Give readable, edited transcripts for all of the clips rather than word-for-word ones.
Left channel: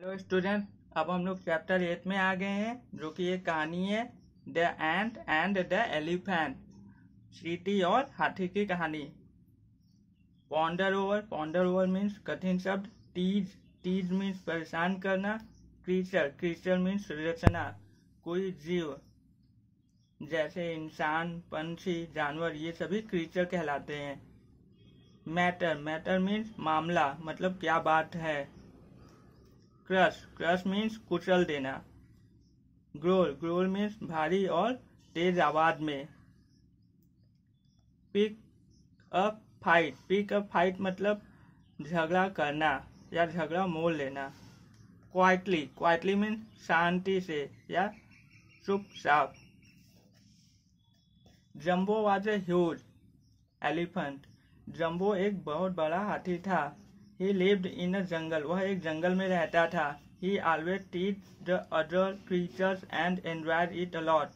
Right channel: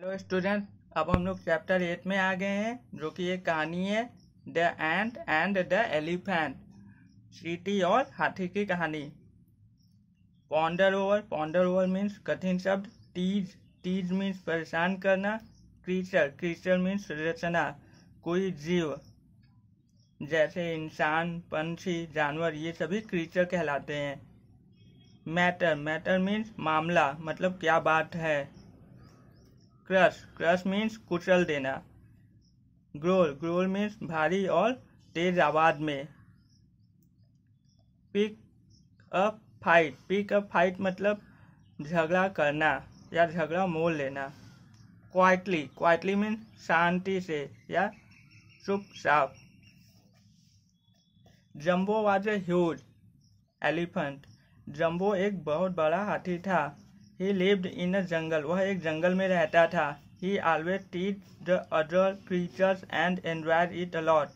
Hello student, अब हम लोग चैप्टर 8 में आ गए हैं, जो कि एक कहानी है the ant and the elephant. चींटी और हाथी की कहानी। पॉन्डर ओवर मीन्स कठिन शब्द। टीज मीन्स परेशान करना। क्रीचर मीन्स रचना, कोई जीव, जैसे इंसान, पंछी, जानवर, ये सभी क्रीचर कहलाते हैं। मैटर मीन्स मामला, मतलब क्या बात है। क्रश मीन्स कुचल देना। ग्रोल मीन्स भारी और तेज आवाज में। पिक अप फाइट मतलब झगड़ा करना या झगड़ा मोल लेना। क्वाइटली मीन्स शांति से या चुपचाप। जम्बो वाज ए ह्यूज एलिफेंट। जम्बो एक बहुत बड़ा हाथी था। ही लिव्ड इन अ जंगल। वह एक जंगल में रहता था। He always teased the other creatures and enjoyed it a lot.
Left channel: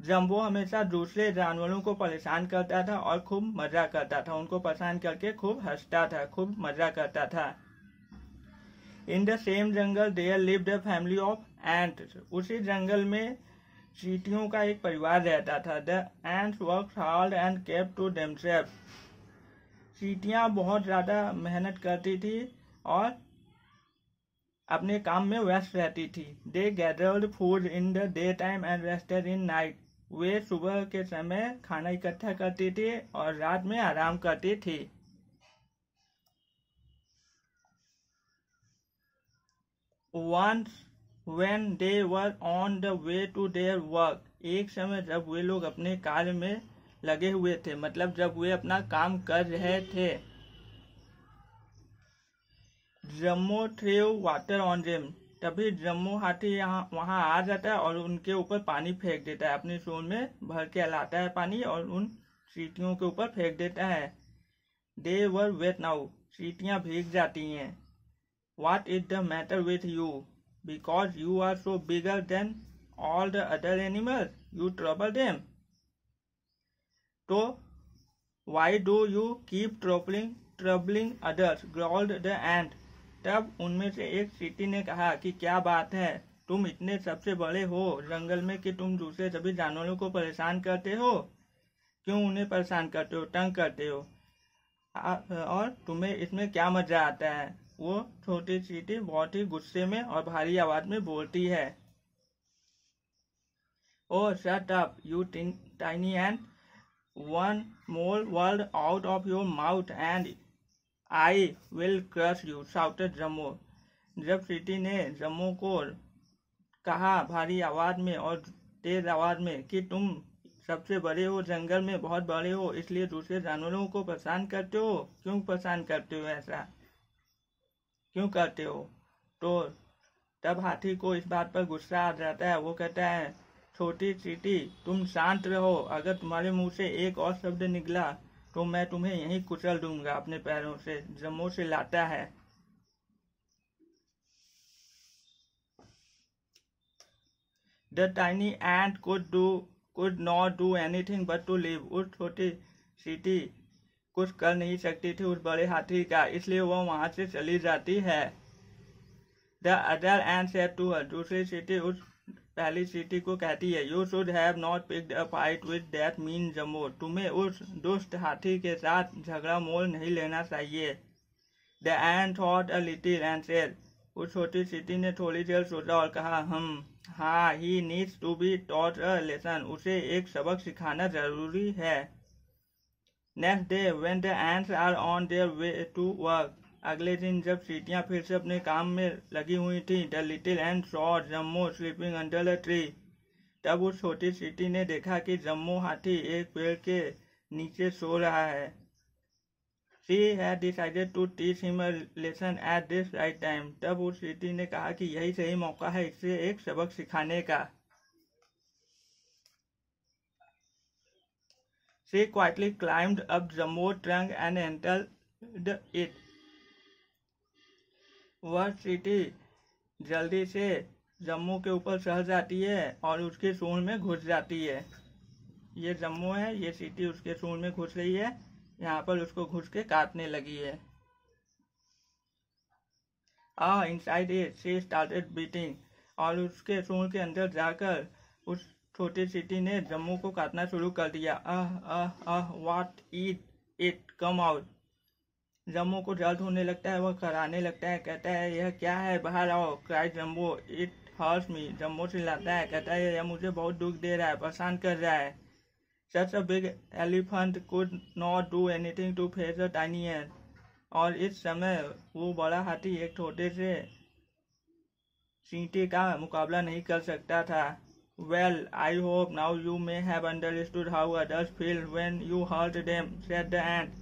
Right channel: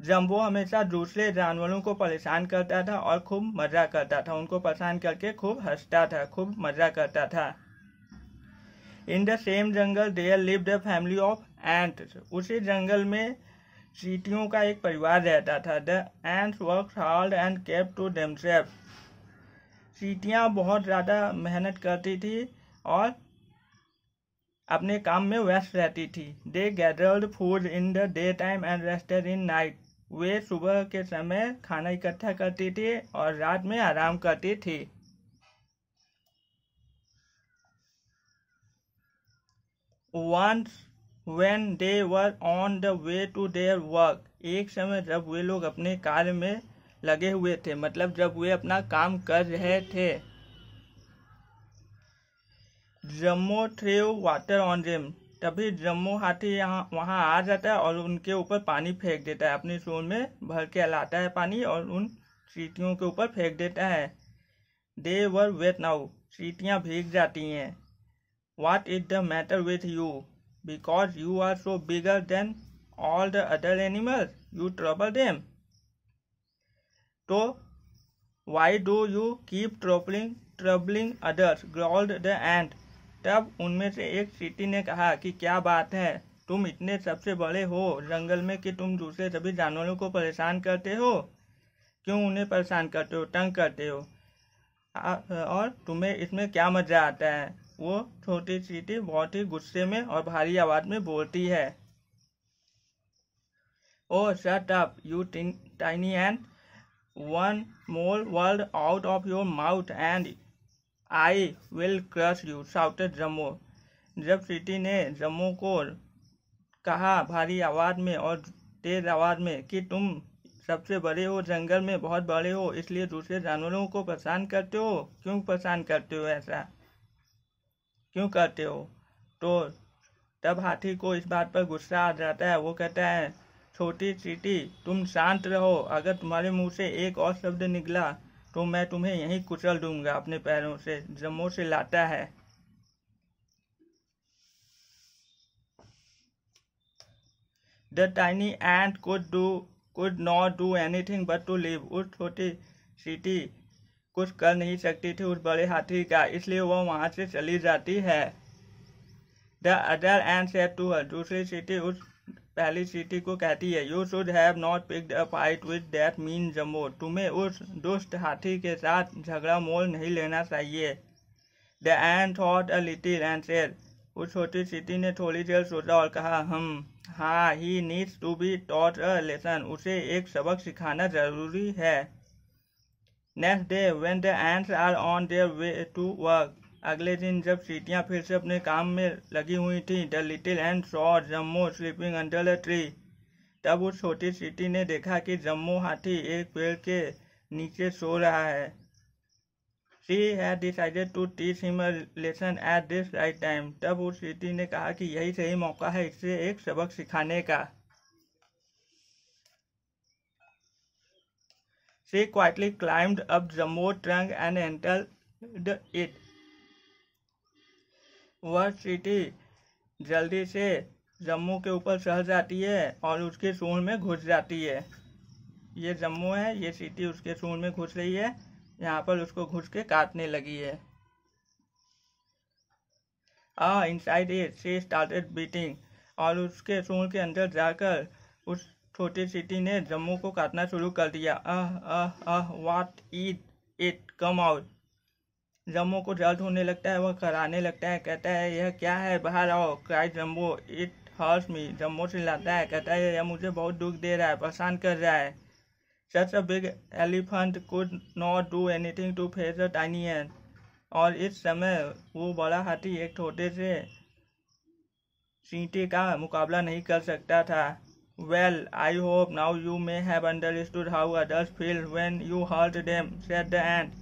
जम्बो हमेशा दूसरे जानवरों को परेशान करता था और खूब मजा करता था। उनको परेशान करके खूब हंसता था, खूब मजा करता था। In the same jungle there lived a family of ants. उसी जंगल में चींटियों का एक परिवार रहता था। The ants worked hard and kept to themselves. चींटियां बहुत ज्यादा मेहनत करती थी और अपने काम में व्यस्त रहती थी। They gathered food in the day time and rested in night. वे सुबह के समय खाना इकट्ठा करती थी और रात में आराम करती थी। Once when they were on the way to their work, एक समय जब वे लोग अपने कार्य में लगे हुए थे, मतलब जब वे अपना काम कर रहे थे। जम्मो थ्रेव वाटर ऑन देम। तभी जम्मो हाथी वहां आ जाता है और उनके ऊपर पानी फेंक देता है। अपनी सूंड में भर के लाता है पानी और उन चींटियों के ऊपर फेंक देता है। दे वर वेट नाउ। चींटियां भीग जाती हैं। What is the matter with you? Because you are so bigger than all the other animals, you trouble them. तो why do you keep troubling others? Growled the ant. तब उनमें से एक चींटी ने कहा कि क्या बात है, तुम इतने सबसे बड़े हो जंगल में कि तुम दूसरे सभी जानवरों को परेशान करते हो। क्यों उन्हें परेशान करते हो, तंग करते हो, और तुम्हें इसमें क्या मजा आता है। वो छोटी चींटी बहुत ही गुस्से में और भारी आवाज में बोलती है। Oh shut up you tiny ant, one more word out of your mouth and I will crush you, shouted Jumbo. जब चींटी ने जम्मो को कहा भारी आवाज में और तेज आवाज में कि तुम सबसे बड़े हो, जंगल में बहुत बड़े हो, इसलिए दूसरे जानवरों को परेशान करते हो। क्यों परेशान करते हो, ऐसा क्यों करते हो। तो तब हाथी को इस बात पर गुस्सा आ जाता है। वो कहता है, छोटी चींटी तुम शांत रहो, अगर तुम्हारे मुंह से एक और शब्द निकला तो मैं तुम्हें यहीं कुचल दूंगा अपने पैरों से। जम्मो से लाता है। The tiny ant could not do anything but to live. उस छोटी चींटी कुछ कर नहीं सकती थी उस बड़े हाथी का, इसलिए वह वहां से चली जाती है। The other ant said to her. दूसरी चींटी उस पहली चींटी को कहती है, You should have not picked a fight with that mean Jumbo. तुम्हें उस दुष्ट हाथी के साथ झगड़ा मोल नहीं लेना चाहिए। The ant thought a little and said. उस छोटी चींटी ने थोड़ी देर सोचा और कहा, हाँ, he needs to be taught a lesson. उसे एक सबक सिखाना जरूरी है। Next day when the ants are on their way to work. अगले दिन जब चींटियां फिर से अपने काम में लगी हुई थी, द लिटिल एंड सॉ जम्मो स्लीपिंग अंडर अ ट्री। तब उस छोटी चींटी ने देखा कि जम्मो हाथी एक पेड़ के नीचे सो रहा है। She had decided to teach him a lesson at this right time. तब उस चींटी ने कहा कि यही सही मौका है इसे एक सबक सिखाने का। She quietly climbed up Jumbo's trunk and entered it. वह चींटी जल्दी से जम्मू के ऊपर चढ़ जाती है और उसके सूंड में घुस जाती है। ये जम्मू है, ये चींटी उसके सूंड में घुस रही है, यहाँ पर उसको घुस के काटने लगी है। inside it she started beating, और उसके सूंड के अंदर जाकर उस छोटी चींटी ने जम्मू को काटना शुरू कर दिया। What it come out. Jammu को दर्द होने लगता है, वह कराने लगता है, कहता है यह क्या है, बाहर आओ। Cried jumbo, it hurts me. Jammu चिल्लाता है, कहता है यह मुझे बहुत दुख दे रहा है, परेशान कर रहा है। Such a big elephant could not do anything to face a tiny ant. और इस समय वो बड़ा हाथी एक छोटे से चींटी का मुकाबला नहीं कर सकता था। Well, I hope now you may have understood how others feel when you hurt them, said the ant.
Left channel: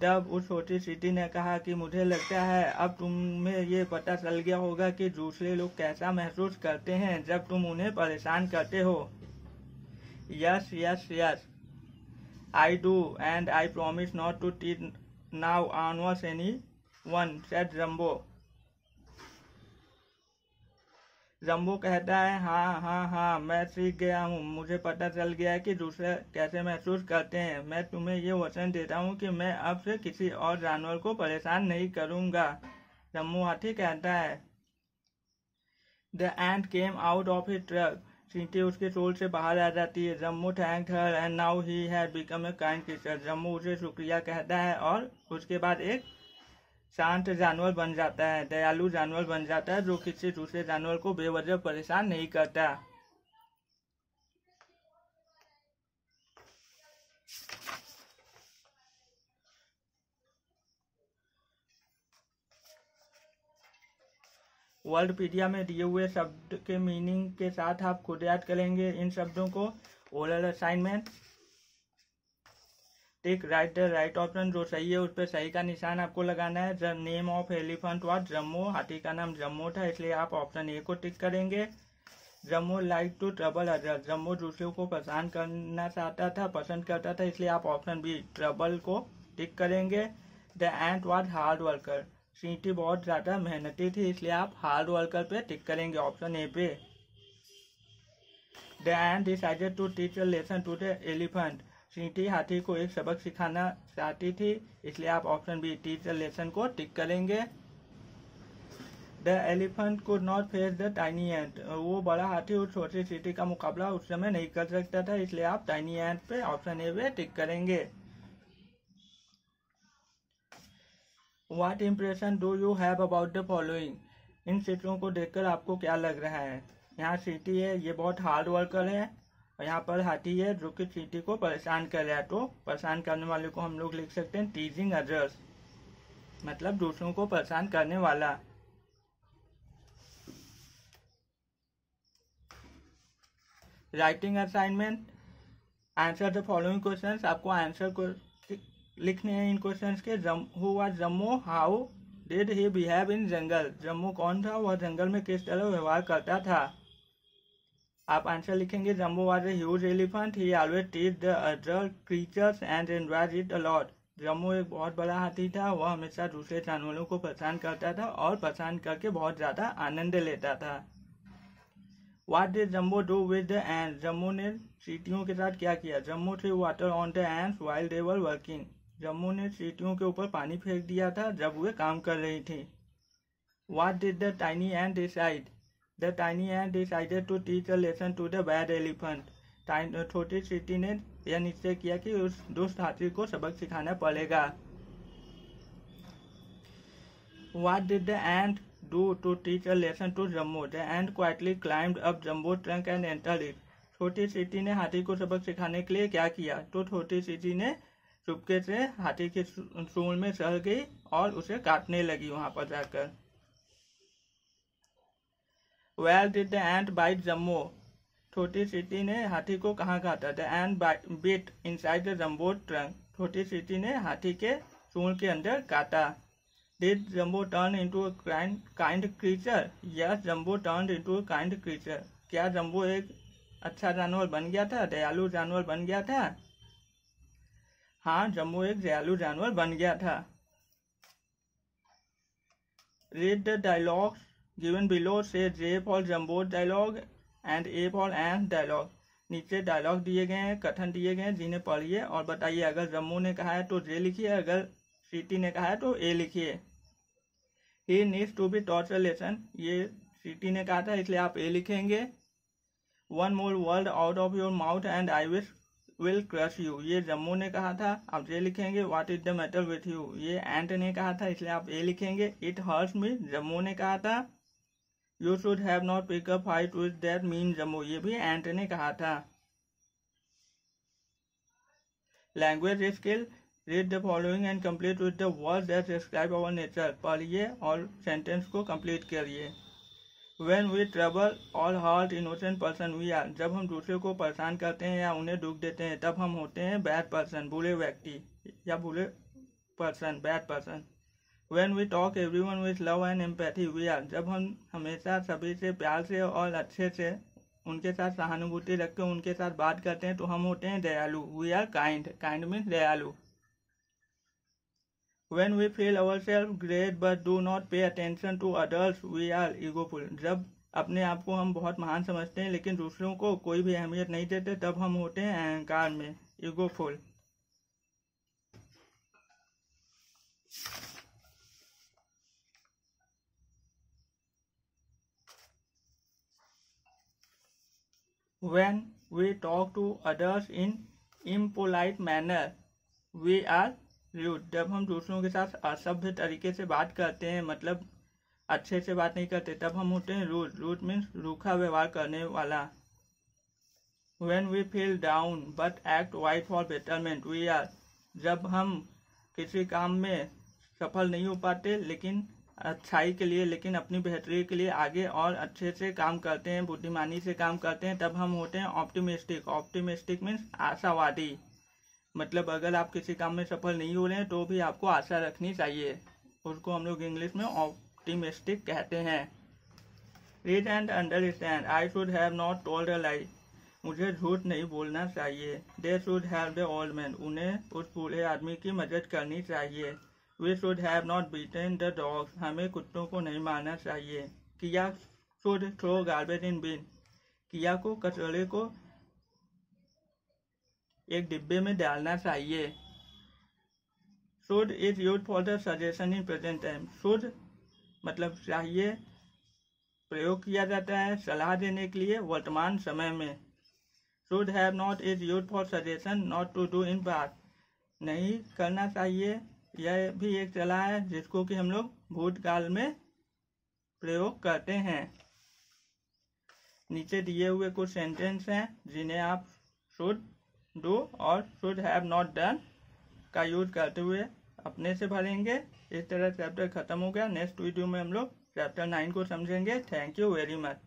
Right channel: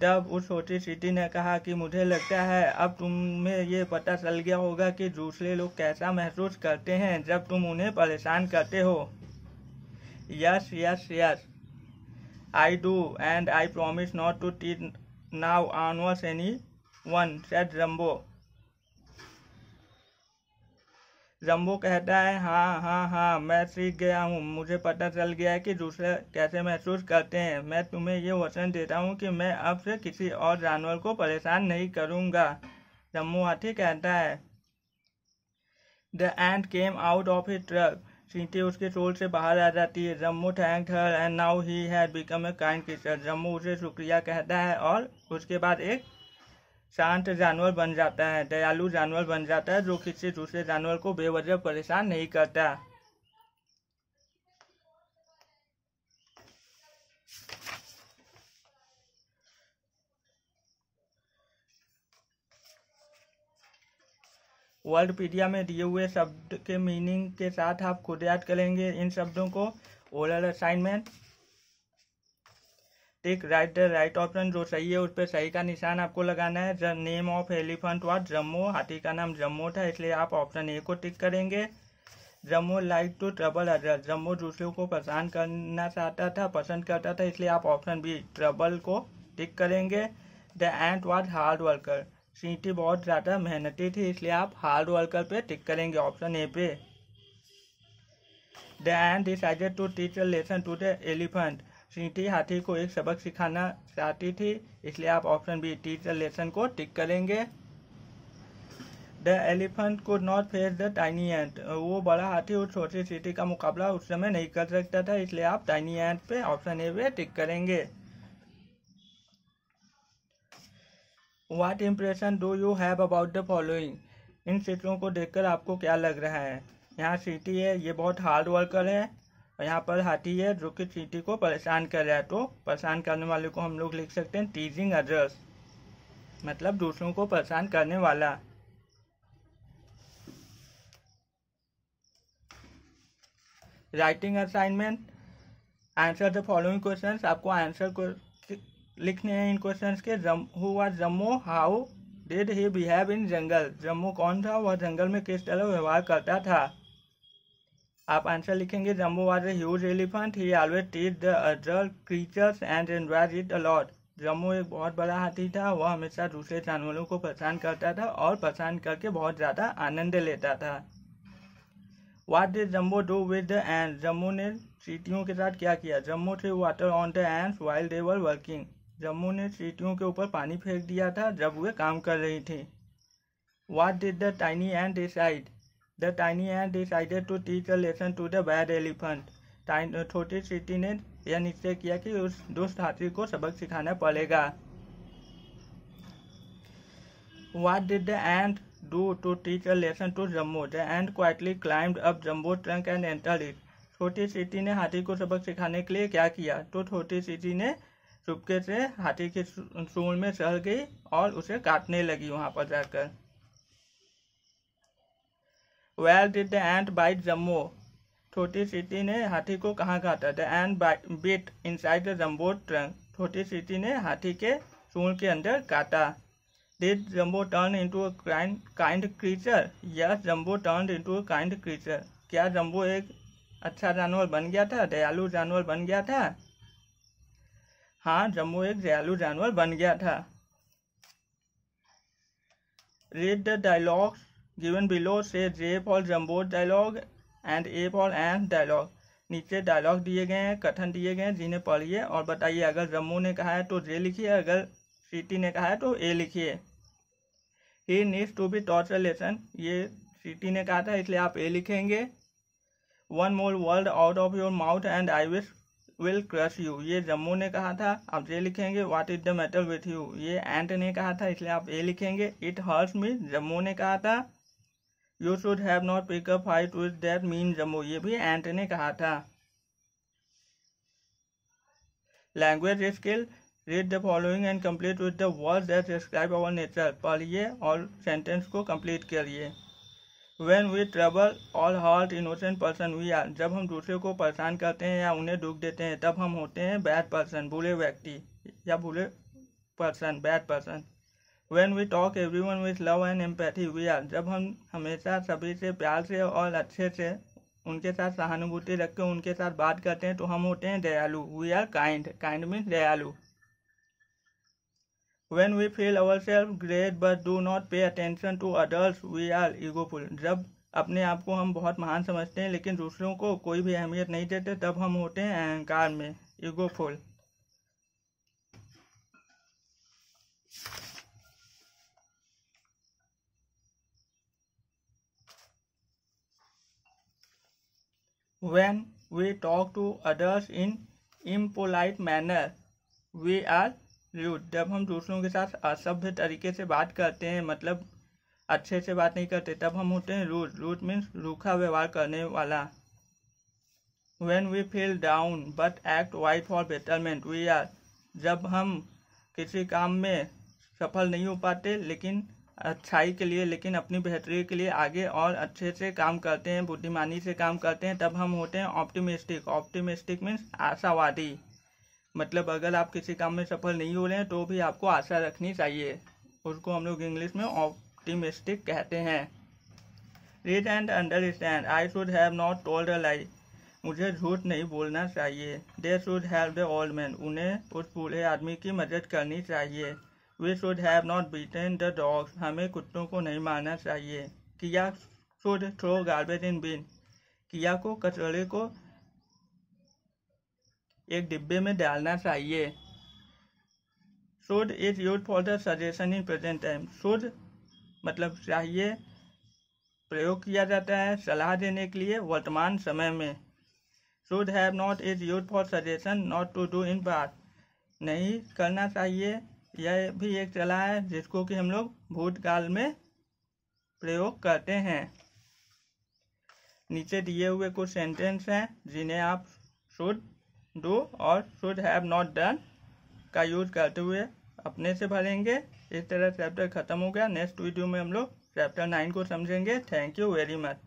तब उस छोटी चींटी ने कहा कि मुझे लगता है अब तुम्हें ये पता चल गया होगा कि दूसरे लोग कैसा महसूस करते हैं जब तुम उन्हें परेशान करते हो। Yes, I do, and I promise not to teach now onwards anyone, said Jumbo. जम्बो कहता है हाँ, मैं सीख गया हूँ, मुझे पता चल गया है कि दूसरे कैसे महसूस करते हैं। मैं तुम्हें ये वचन देता हूँ कि मैं अब से किसी और जानवर को परेशान नहीं करूँगा। जम्बो हाथी कहता है। The ant came out of his trap. चींटी उसके शोल से बाहर आ जाती है। Jammu thanked her and now he had become a kind creature. Jammu उसे शुक्रिया कहता है और उसके बाद एक शांत जानवर बन जाता है, दयालु जानवर बन जाता है, जो किसी दूसरे जानवर को बेवजह परेशान नहीं करता। वर्ल्डपीडिया में दिए हुए शब्द के मीनिंग के साथ आप खुद याद करेंगे इन शब्दों को। Oral assignment, tick right the right option, जो सही है उस पर सही का निशान आपको लगाना है। The name of elephant was Jammu, हाथी का नाम जम्मू था, इसलिए आप ऑप्शन ए को टिक करेंगे। Jammu like to trouble others, Jammu दूसरों को परेशान करना चाहता था, पसंद करता था, इसलिए आप ऑप्शन बी ट्रबल को टिक करेंगे। The ant was hard worker, चींटी बहुत ज़्यादा मेहनती थी, इसलिए आप हार्ड वर्कर पे टिक करेंगे, ऑप्शन ए पे। The ant decided to teach a lesson to the elephant, चींटी हाथी को एक सबक सिखाना चाहती थी, इसलिए आप option B teach a lesson को टिक करेंगे। The elephant could not face the tiny ant, वो बड़ा हाथी उस छोटी चींटी का मुकाबला उस समय नहीं कर सकता था, इसलिए आप टाइनी एंट पे ऑप्शन ए पे टिक करेंगे। What impression do you have about the following? इन चित्रों को देखकर आपको क्या लग रहा है? यहाँ चींटी है, ये बहुत हार्ड वर्कर है, और यहाँ पर हाथी है जो कि चींटी को परेशान कर रहा है। तो परेशान करने वाले को हम लोग लिख सकते हैं टीजिंग अदर्स, मतलब दूसरों को परेशान करने वाला। Writing assignment, answer the following questions, आपको आंसर को लिखने हैं इन क्वेश्चंस के। Who was Jumbo, how did he behave in jungle, Jumbo कौन था, वह जंगल में किस तरह व्यवहार करता था। आप आंसर लिखेंगे Jammu was a huge elephant, he always teach the other creatures and enjoyed it a lot, Jammu एक बहुत बड़ा हाथी था, वह हमेशा दूसरे जानवरों को परेशान करता था और परेशान करके बहुत ज़्यादा आनंद लेता था। What did jumbo do with the ends, Jammu ने चींटियों के साथ क्या किया। Jammu through water on the ends while they were working, Jammu ने चींटियों के ऊपर पानी फेंक दिया था जब वे काम कर रही थी। What did the tiny ant decide? The tiny ant decided to teach a lesson to the bad elephant. छोटी चींटी ने यह निश्चय किया कि उस दुष्ट हाथी को सबक सिखाना पड़ेगा। What did the ant do to teach a lesson to Jumbo? The ant quietly climbed up Jumbo's trunk and entered it. छोटी चींटी ने हाथी को सबक सिखाने के लिए क्या किया, तो छोटी चींटी ने चुपके से हाथी के सूंड में चढ़ गई और उसे काटने लगी वहां पर जाकर। Where did the ant bite Jumbo? छोटी चींटी ने हाथी को कहाँ काटा। The ant bit inside the Jumbo's trunk. छोटी चींटी ने हाथी के सूंड के अंदर काटा। Did Jumbo turn into a kind creature? Yes, Jumbo turned into a kind creature. क्या जम्बो एक अच्छा जानवर बन गया था, दयालु जानवर बन गया था। हाँ, जम्बो एक दयालु जानवर बन गया था। Read the dialogues given below. Say J for Jumbo's dialogue and A for Ant's dialogue. नीचे डायलॉग दिए गए हैं, कथन दिए गए हैं, जिन्हें पढ़िए और बताइए। अगर जम्बो ने कहा है तो जे लिखिए, अगर चींटी ने कहा है तो ए लिखिए। He needs to be taught a lesson, ये सीटी ने कहा था इसलिए आप ए लिखेंगे। One more word out of your mouth and I will crush you, ये जम्मू ने कहा था, आप ये लिखेंगे। What is the matter with you, ये एंट ने कहा था इसलिए आप ए लिखेंगे। इट हर्ट्स मी, जम्मू ने कहा था। You should have not pick up fight with that mean Jammu, ये भी एंट ने कहा था। Language skill, read the following and complete with the words that describe our nature, पढ़िए और सेंटेंस को कंप्लीट करिए। When we trouble or hurt innocent person we are, जब हम दूसरे को परेशान करते हैं या उन्हें दुख देते हैं तब हम होते हैं बैड पर्सन, बुरे व्यक्ति या बुरे person, bad person. When we talk everyone with love and empathy we are, जब हम हमेशा सभी से प्यार से और अच्छे से उनके साथ सहानुभूति रख के उनके साथ बात करते हैं तो हम होते हैं दयालु। We are kind, kind means दयालु। When we feel ourselves great but do not pay attention to others we are egoful, जब अपने आप को हम बहुत महान समझते हैं लेकिन दूसरों को कोई भी अहमियत नहीं देते तब हम होते हैं अहंकार में, ईगोफुल। When we talk to others in impolite manner we are rude, जब हम दूसरों के साथ असभ्य तरीके से बात करते हैं मतलब अच्छे से बात नहीं करते तब हम होते हैं रूड, रूड मीन्स रूखा व्यवहार करने वाला। When we feel down but act right for betterment we are, जब हम किसी काम में सफल नहीं हो पाते लेकिन अच्छाई के लिए, लेकिन अपनी बेहतरी के लिए आगे और अच्छे से काम करते हैं, बुद्धिमानी से काम करते हैं तब हम होते हैं ऑप्टिमिस्टिक। ऑप्टिमिस्टिक मीन्स आशावादी, मतलब अगर आप किसी काम में सफल नहीं हो रहे हैं तो भी आपको आशा रखनी चाहिए, उसको हम लोग इंग्लिश में ऑप्टिमिस्टिक कहते हैं। Read and understand, I should have not told a lie, मुझे झूठ नहीं बोलना चाहिए। They should have the old man, उन्हें उस बूढ़े आदमी की मदद करनी चाहिए। We should have not beaten the dogs, हमें कुत्तों को नहीं मारना चाहिए। किया should throw garbage in bin, किया को कचरे को एक डिब्बे में डालना चाहिए। Should is use for the suggestion in present time, should मतलब चाहिए, प्रयोग किया जाता है सलाह देने के लिए वर्तमान समय में। Should have not is use for suggestion not to do in past, नहीं करना चाहिए, यह भी एक सलाह है जिसको कि हम लोग भूतकाल में प्रयोग करते हैं। नीचे दिए हुए कुछ सेंटेंस हैं जिन्हें आप शुड डू और शुड हैव नॉट डन का यूज करते हुए अपने से भरेंगे। इस तरह चैप्टर खत्म हो गया। नेक्स्ट वीडियो में हम लोग चैप्टर 9 को समझेंगे। Thank you very much.